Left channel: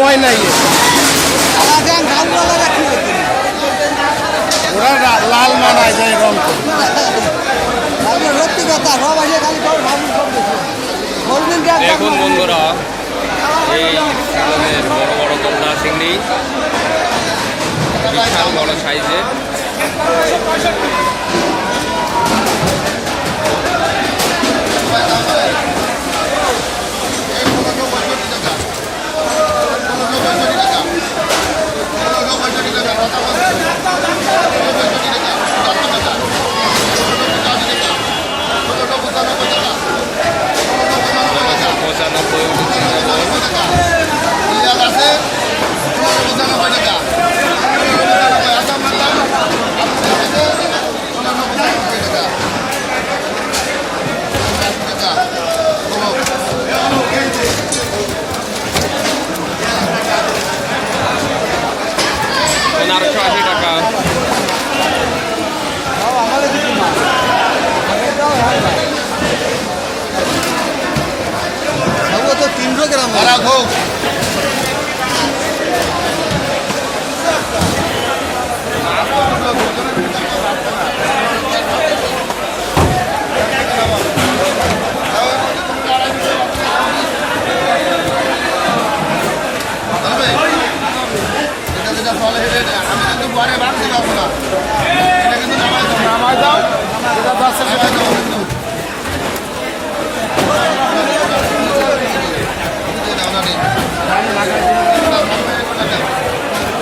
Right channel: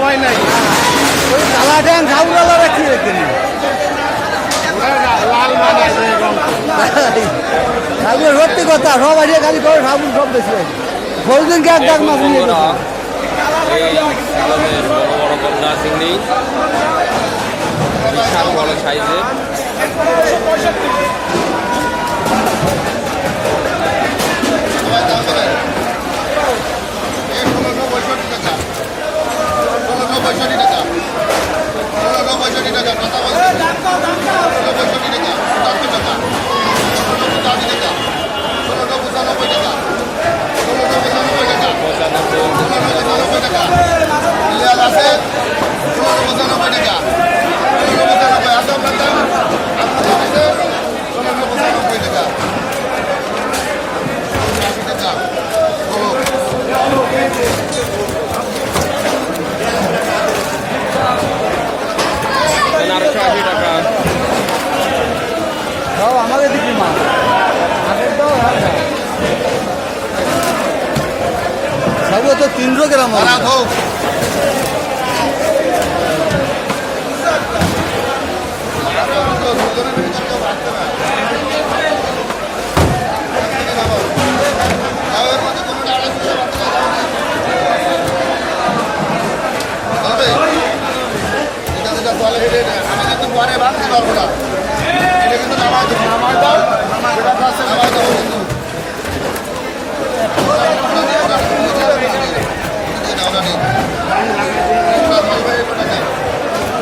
হয় নাই ওরা লা- লাল মানে আছে রং সত্যি কথা সব আছে খালি করে সাবুন সব বেশি বলবেন দেখুন বন্ধুরা, এই আমাদের বড় বড় গলদা চিংড়ি, বিশাল বড় সাইজের। পঁচানব্বই উঠেছে যেমন পনেরোশো আশি তিনশো গ্রাম আমি কিন্তু পরে রাখতে পারব না। এটা কিন্তু নামাই